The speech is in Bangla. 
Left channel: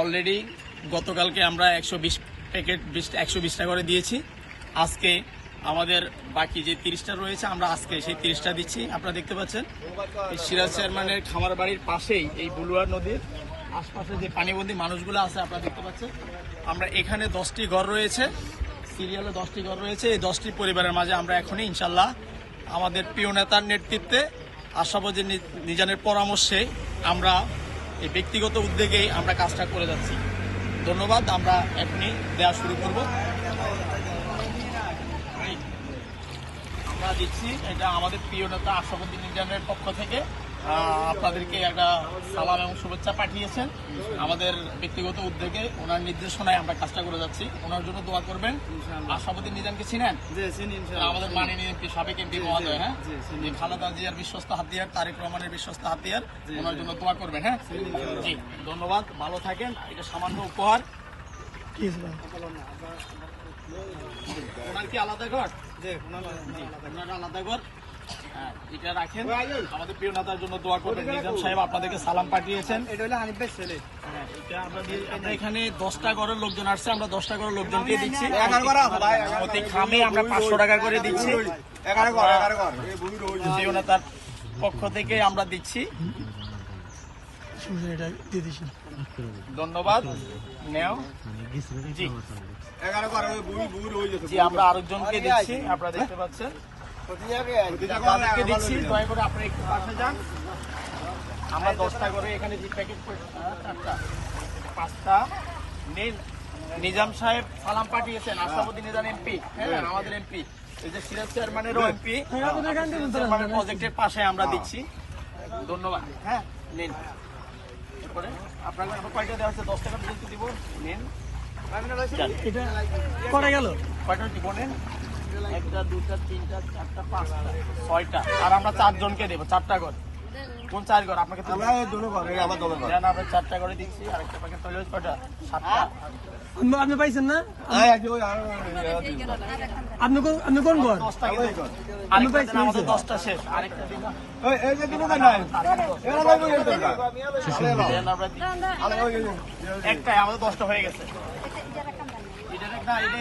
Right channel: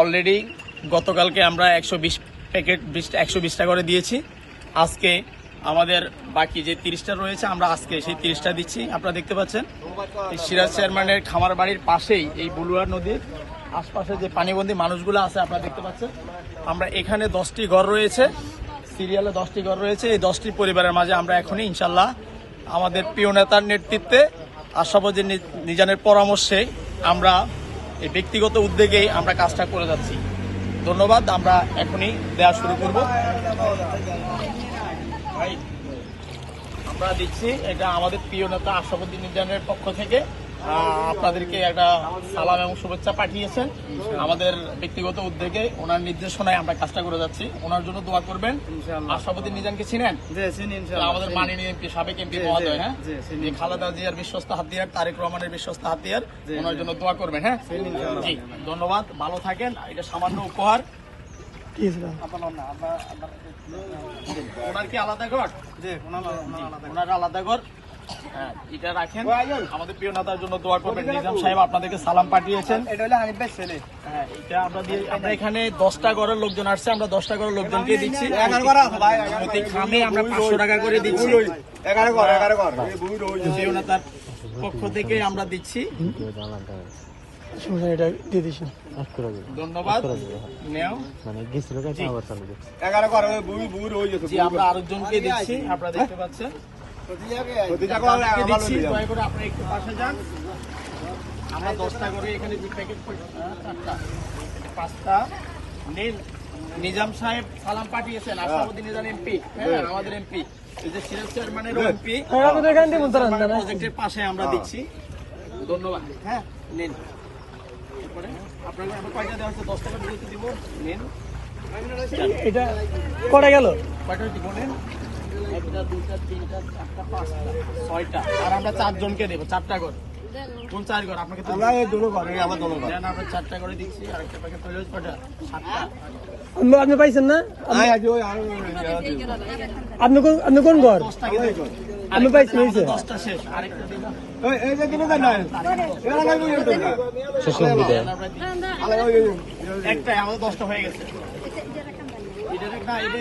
অলরেডি গতকালকে আমরা একশো বিশ প্যাকেট একশো বিশটা করে দিয়েছি। আজকে আমাদের বাকি যে তিরিশটা রয়েছে, আমরা আজকে সেই তিরিশটা দিচ্ছি। আপনারা দেখতে পাচ্ছেন, এই সিরাজ চেয়ারম্যানের খামার বাড়ির পাশেই এই বলুয়া নদীর আশপাশে যে পানিবন্দী মানুষগুলো আছে, আপনারা দেখতে পাচ্ছেন। আমরা এখানে দশটি ঘর রয়েছে, সিরিয়ালে দশটি ঘর রয়েছে। এই দশটি পরিবারের মাঝে আমরা এখনই, ইনশাল্লাহ, আমাদের প্রিয় নেতার নেতৃত্বে আশাবাদী নিজানের পরামর্শে আমরা এই ব্যক্তিগত উদ্যোগেই আমরা কাজটা করে যাচ্ছি। ধন্যবাদ, আমরা এখনই দেওয়া শুরু করব। আমরা দেখছি এটা আমাদের প্রিয় নেতা আশাবুদ্দিন ইন্ডিয়ানের পক্ষ থেকে। আপনাদেরকে একটা সালাম এবং শুভেচ্ছা পাঠিয়েছেন। আমাদের ব্যক্তিগত উদ্যোগে ওনার নির্দেশনায় আমরা কাজটা করে যাচ্ছি। ওনার জন্য দোয়া করবেন। আশাবুদ্দিন নিজামকে চিনেন? আমাদের মাননীয় এমপি সাবেক এমপি মহোদয় হ্যাঁ? যে খালেদা জিয়ার বিশ্বস্ত হাতিয়ার তারেক রহমানের বিশ্বস্ত হাতিয়ার ওনার জন্য দোয়া করবেন হ্যাঁ? জি ধন্যবাদ ভালো থাকেন। এটা সামান্য উপহার। ওনার কি আলাদা ঘর? জি, ওনার আলাদা ঘর। এটা রাখেন। আমাদের প্রিয় নেতার জন্য দোয়া করবেন। নিজাম সাহেব আপনাদেরকে সালাম পাঠিয়েছেন। এটা হলো হানিফ ভাই ছেলে। হ্যাঁ এটা আমরা দিয়ে আমরা এখানে দশটা ঘরের লোকজন আসছে আমরা দশটা ঘরের লোকজনকে দিচ্ছি। এগারো ঘর আছে ভাই, এগারো প্রতি খামে আমরা পাঁচশো টাকা করে দিচ্ছি। এগারো ঘর এগারো ঘর। প্রিয় নেতার পক্ষ থেকে আমরা দিচ্ছি। ধন্যবাদ। হয়ে আমরা আরেকজনকে দিচ্ছি। আপনারা দেখতে পাচ্ছেন। আপনারা একটু পাশে যান। আমরা দশটা করে এখানে যে প্যাকেট পাঁচটা। নিন নিজাম সাহেব সালাম পাঠিয়েছেন আসামুদ্দিন নিজাম এমপি হ্যাঁ আমাদের এমপি এই যে সিরাজ চেয়ারম্যানেরও এমপি প্রজেক্টের পাশে আমরা দিচ্ছি। ধন্যবাদ। হ্যাঁ নিন আপনাকে কয়টা দেওয়া হচ্ছে? দশ টাকা দিব। নিন এটা কটা গেল? কয়টা দিব নেন একটা দুটা তিনটা চারটা পাঁচটা ছয়টা। আর আমরা চারজনকে দেবো চারটা করে। কোন চার ঘর আপনাকে আমরা এই দুটো ঘর। এই আমার দুটো ঘর দেন আমরা চারটা করে দিচ্ছি আর একটা প্যাকেট তৈরি কয়টা সাতটা। আপনি আপনি পাইছেন না? আয় আজ ওই আর আপনি কোন আপনি কোন ঘর? আমি পাইছি, দেন, আমাদের দশটা শেষ। আরেকটা দিন। এই এই যে দুটো না এরা লাগবে এই দুটো দেন আমরা দিচ্ছি। আলাদা ওই একটাই আমাদের দশটা হয়ে গেছে। একটা